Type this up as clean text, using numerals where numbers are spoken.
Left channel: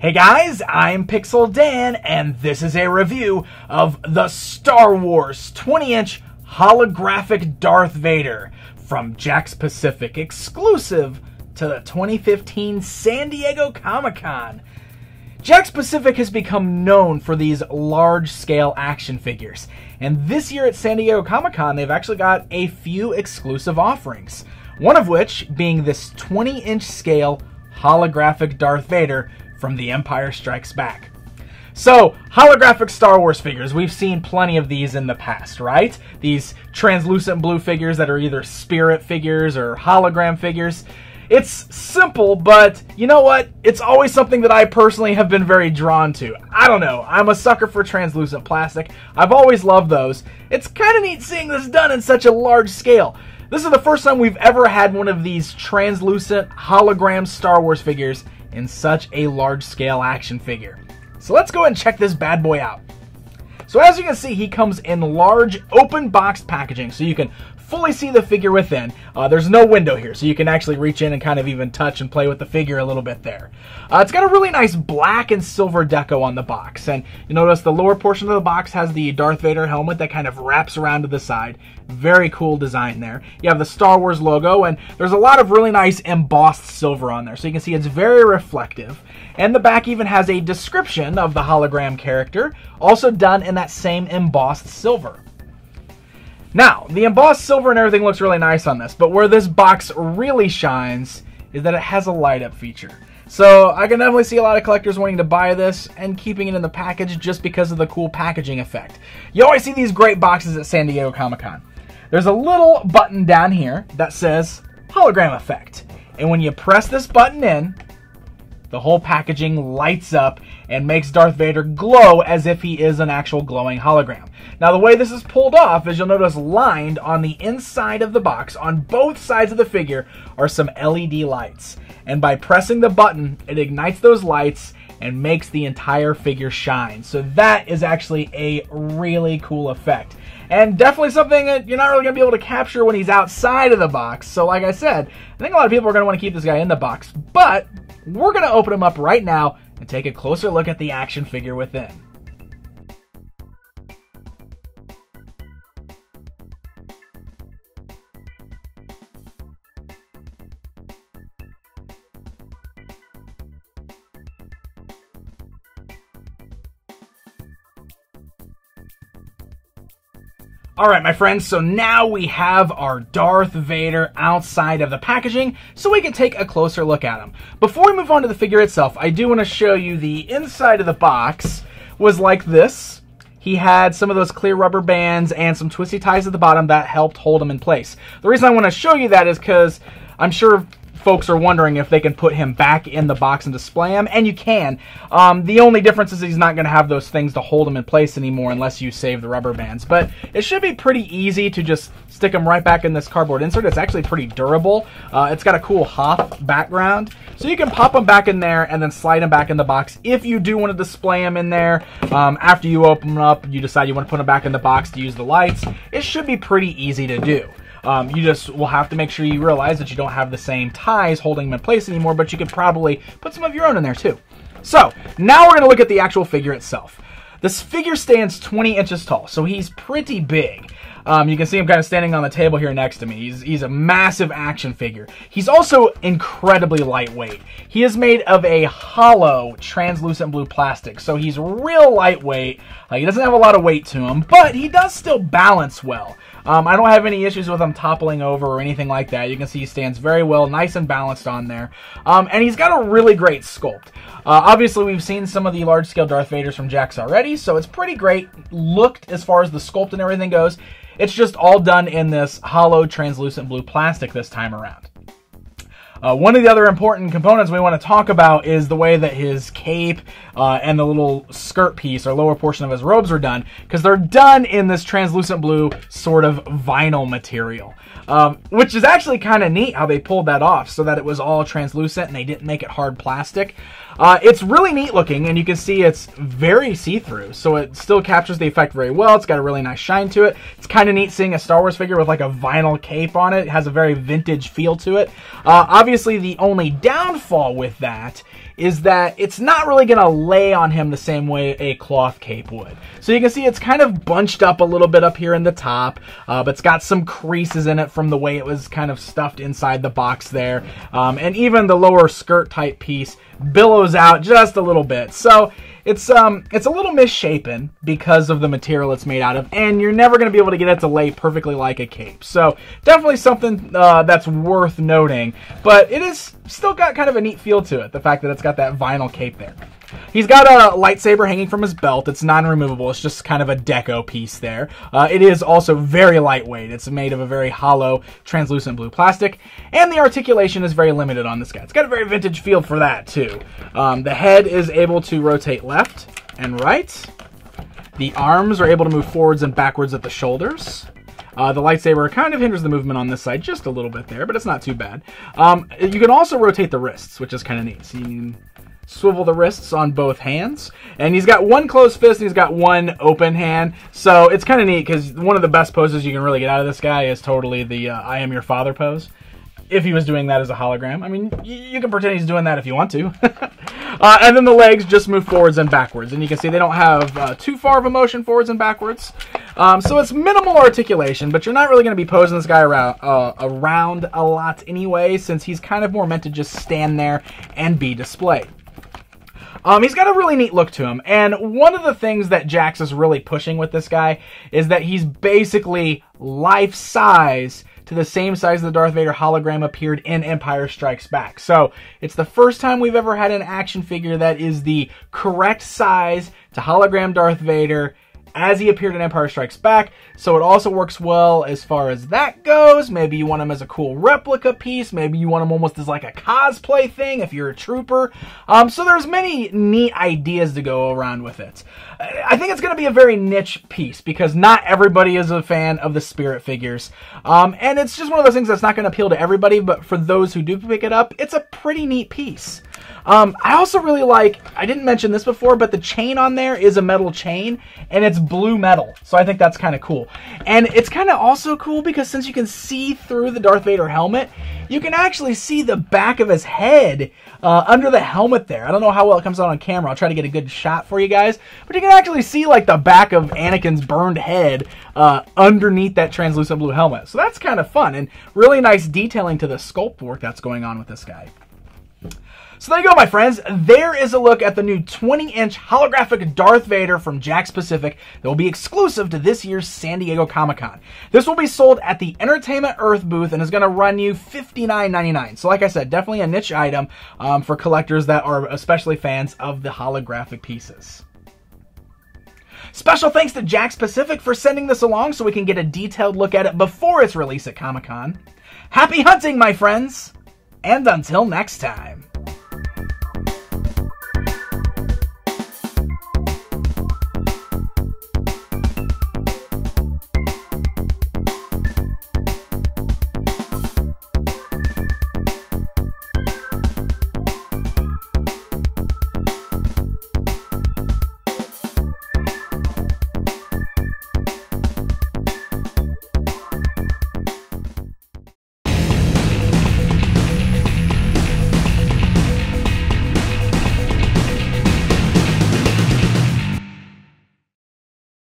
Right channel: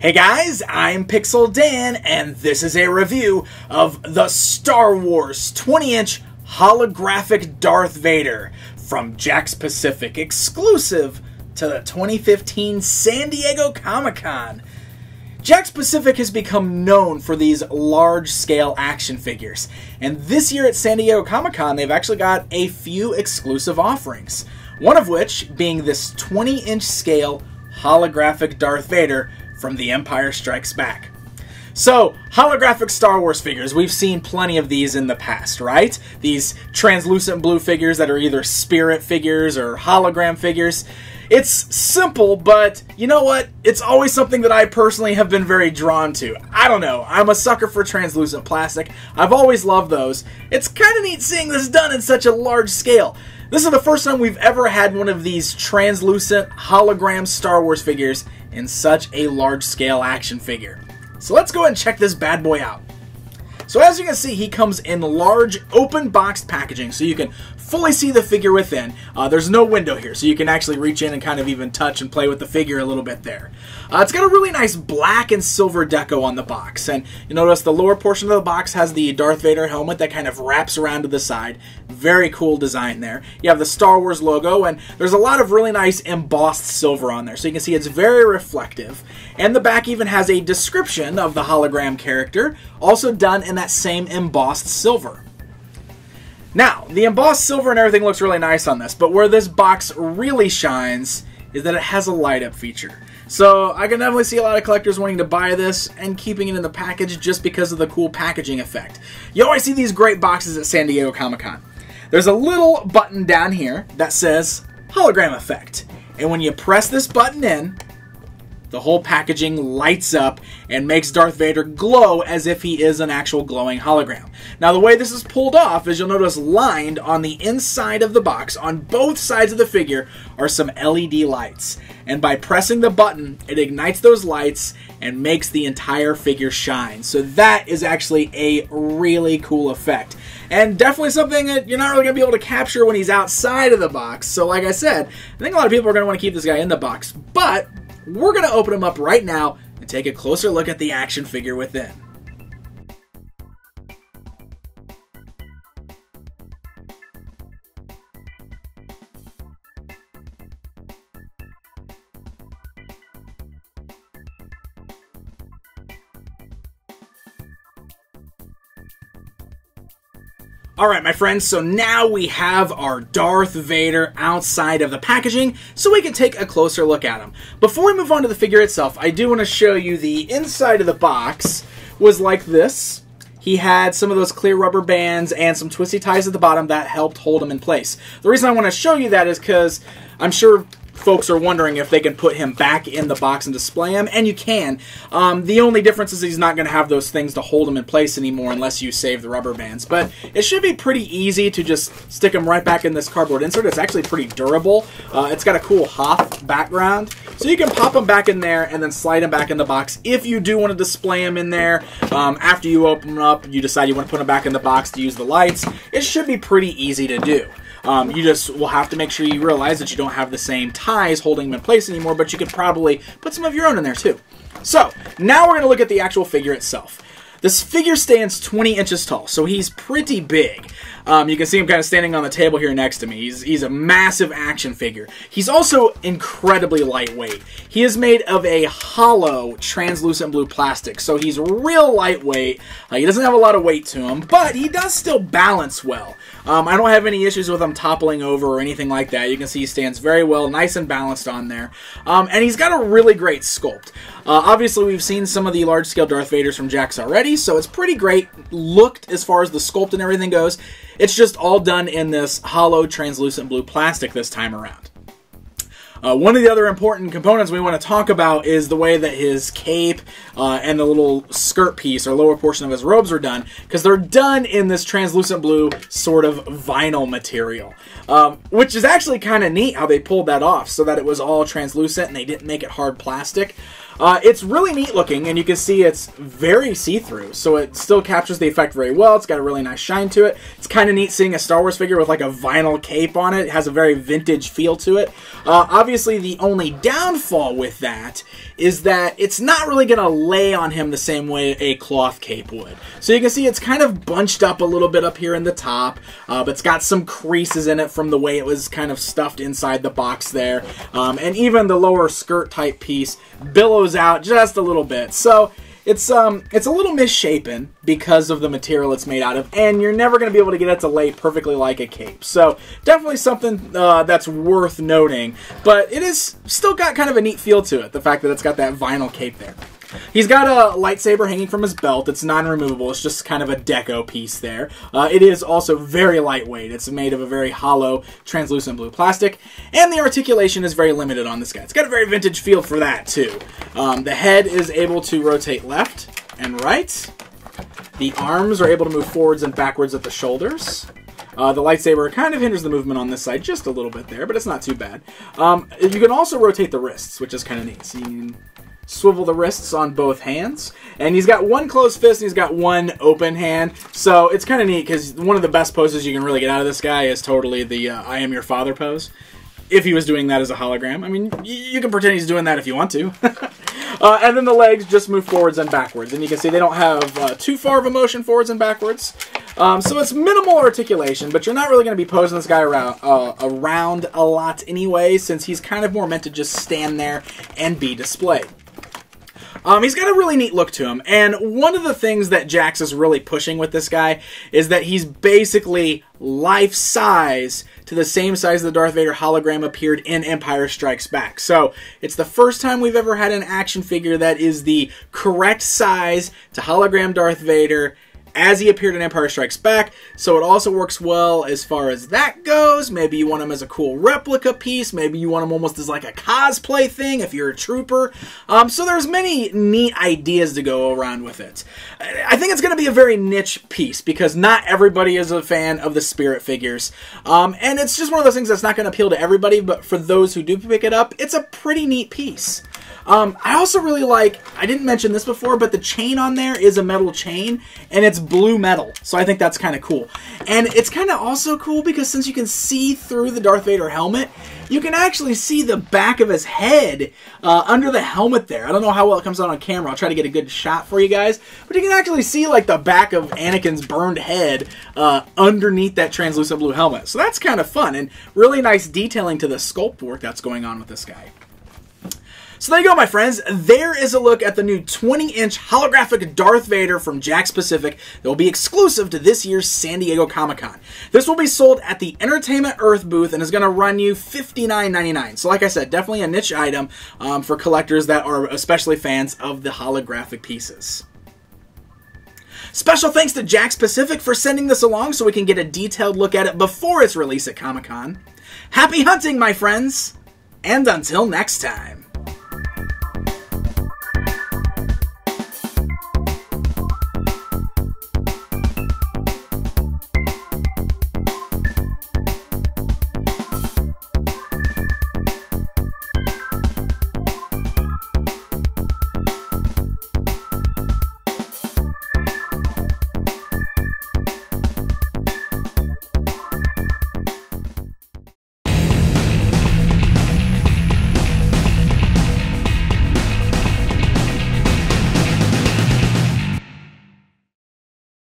Hey guys, I'm Pixel Dan, and this is a review of the Star Wars 20-inch holographic Darth Vader from Jakks Pacific, exclusive to the 2015 San Diego Comic-Con. Jakks Pacific has become known for these large-scale action figures, and this year at San Diego Comic-Con they've actually got a few exclusive offerings, one of which being this 20-inch scale holographic Darth Vader from The Empire Strikes Back. So, holographic Star Wars figures, we've seen plenty of these in the past, right? These translucent blue figures that are either spirit figures or hologram figures. It's simple, but you know what? It's always something that I personally have been very drawn to. I don't know, I'm a sucker for translucent plastic. I've always loved those. It's kind of neat seeing this done in such a large scale. This is the first time we've ever had one of these translucent hologram Star Wars figures in such a large-scale action figure. So let's go ahead and check this bad boy out. So as you can see, he comes in large open boxed packaging, so you can fully see the figure within. There's no window here, so you can actually reach in and kind of even touch and play with the figure a little bit there. It's got a really nice black and silver deco on the box, and you notice the lower portion of the box has the Darth Vader helmet that kind of wraps around to the side. Very cool design there. You have the Star Wars logo, and there's a lot of really nice embossed silver on there, so you can see it's very reflective. And the back even has a description of the hologram character, also done in that same embossed silver. Now, the embossed silver and everything looks really nice on this, but where this box really shines is that it has a light-up feature. So I can definitely see a lot of collectors wanting to buy this and keeping it in the package just because of the cool packaging effect. You always see these great boxes at San Diego Comic-Con. There's a little button down here that says Hologram Effect, and when you press this button in, the whole packaging lights up and makes Darth Vader glow as if he is an actual glowing hologram. Now the way this is pulled off is you'll notice lined on the inside of the box on both sides of the figure are some LED lights. And by pressing the button, it ignites those lights and makes the entire figure shine. So that is actually a really cool effect. And definitely something that you're not really going to be able to capture when he's outside of the box. So like I said, I think a lot of people are going to want to keep this guy in the box. But we're going to open him up right now and take a closer look at the action figure within. Alright my friends, so now we have our Darth Vader outside of the packaging, so we can take a closer look at him. Before we move on to the figure itself, I do want to show you the inside of the box was like this. He had some of those clear rubber bands and some twisty ties at the bottom that helped hold him in place. The reason I want to show you that is because I'm sure folks are wondering if they can put him back in the box and display him, and you can. The only difference is he's not going to have those things to hold him in place anymore unless you save the rubber bands. But it should be pretty easy to just stick him right back in this cardboard insert. It's actually pretty durable. It's got a cool Hoth background. So you can pop him back in there and then slide him back in the box. If you do want to display him in there, after you open him up, you decide you want to put him back in the box to use the lights, it should be pretty easy to do. You just will have to make sure you realize that you don't have the same ties holding them in place anymore, but you could probably put some of your own in there too. So, now we're going to look at the actual figure itself. This figure stands 20 inches tall, so he's pretty big. You can see him kind of standing on the table here next to me. He's a massive action figure. He's also incredibly lightweight. He is made of a hollow, translucent blue plastic, so he's real lightweight. He doesn't have a lot of weight to him, but he does still balance well. I don't have any issues with him toppling over or anything like that. You can see he stands very well, nice and balanced on there. And he's got a really great sculpt. Obviously, we've seen some of the large-scale Darth Vaders from Jakks already, so it's pretty great looked as far as the sculpt and everything goes. It's just all done in this hollow, translucent blue plastic this time around. One of the other important components we want to talk about is the way that his cape and the little skirt piece or lower portion of his robes are done, because they're done in this translucent blue sort of vinyl material, which is actually kind of neat how they pulled that off so that it was all translucent and they didn't make it hard plastic. It's really neat looking, and you can see it's very see-through, so it still captures the effect very well. It's got a really nice shine to it. It's kind of neat seeing a Star Wars figure with like a vinyl cape on it. It has a very vintage feel to it. Obviously, the only downfall with that is that it's not really going to lay on him the same way a cloth cape would. So you can see it's kind of bunched up a little bit up here in the top, but it's got some creases in it from the way it was kind of stuffed inside the box there. And even the lower skirt type piece billows out just a little bit. So it's a little misshapen because of the material it's made out of, and you're never going to be able to get it to lay perfectly like a cape. So definitely something that's worth noting, but it is still got kind of a neat feel to it, the fact that it's got that vinyl cape there. He's got a lightsaber hanging from his belt. It's non-removable. It's just kind of a deco piece there. It is also very lightweight. It's made of a very hollow, translucent blue plastic. And the articulation is very limited on this guy. It's got a very vintage feel for that, too. The head is able to rotate left and right. The arms are able to move forwards and backwards at the shoulders. The lightsaber kind of hinders the movement on this side just a little bit there, but it's not too bad. You can also rotate the wrists, which is kind of neat. So you can swivel the wrists on both hands, and he's got one closed fist and he's got one open hand, so it's kind of neat because one of the best poses you can really get out of this guy is totally the I am your father pose. If he was doing that as a hologram. I mean, you can pretend he's doing that if you want to. And then the legs just move forwards and backwards, and you can see they don't have too far of a motion forwards and backwards. So it's minimal articulation, but you're not really going to be posing this guy around a lot anyway, since he's kind of more meant to just stand there and be displayed. He's got a really neat look to him, and one of the things that Jakks is really pushing with this guy is that he's basically life-size to the same size the Darth Vader hologram appeared in Empire Strikes Back. So it's the first time we've ever had an action figure that is the correct size to hologram Darth Vader as he appeared in Empire Strikes Back, so it also works well as far as that goes. Maybe you want him as a cool replica piece, maybe you want him almost as like a cosplay thing if you're a trooper. So there's many neat ideas to go around with it. I think it's going to be a very niche piece because not everybody is a fan of the spirit figures. And it's just one of those things that's not going to appeal to everybody, but for those who do pick it up, it's a pretty neat piece. I also really like, I didn't mention this before, but the chain on there is a metal chain, and it's blue metal, so I think that's kind of cool. And it's kind of also cool because since you can see through the Darth Vader helmet, you can actually see the back of his head under the helmet there. I don't know how well it comes out on camera. I'll try to get a good shot for you guys, but you can actually see like the back of Anakin's burned head underneath that translucent blue helmet. So that's kind of fun, and really nice detailing to the sculpt work that's going on with this guy. So there you go, my friends. There is a look at the new 20-inch holographic Darth Vader from Jakks Pacific that will be exclusive to this year's San Diego Comic-Con. This will be sold at the Entertainment Earth booth and is going to run you $59.99. So like I said, definitely a niche item for collectors that are especially fans of the holographic pieces. Special thanks to Jakks Pacific for sending this along so we can get a detailed look at it before its release at Comic-Con. Happy hunting, my friends, and until next time.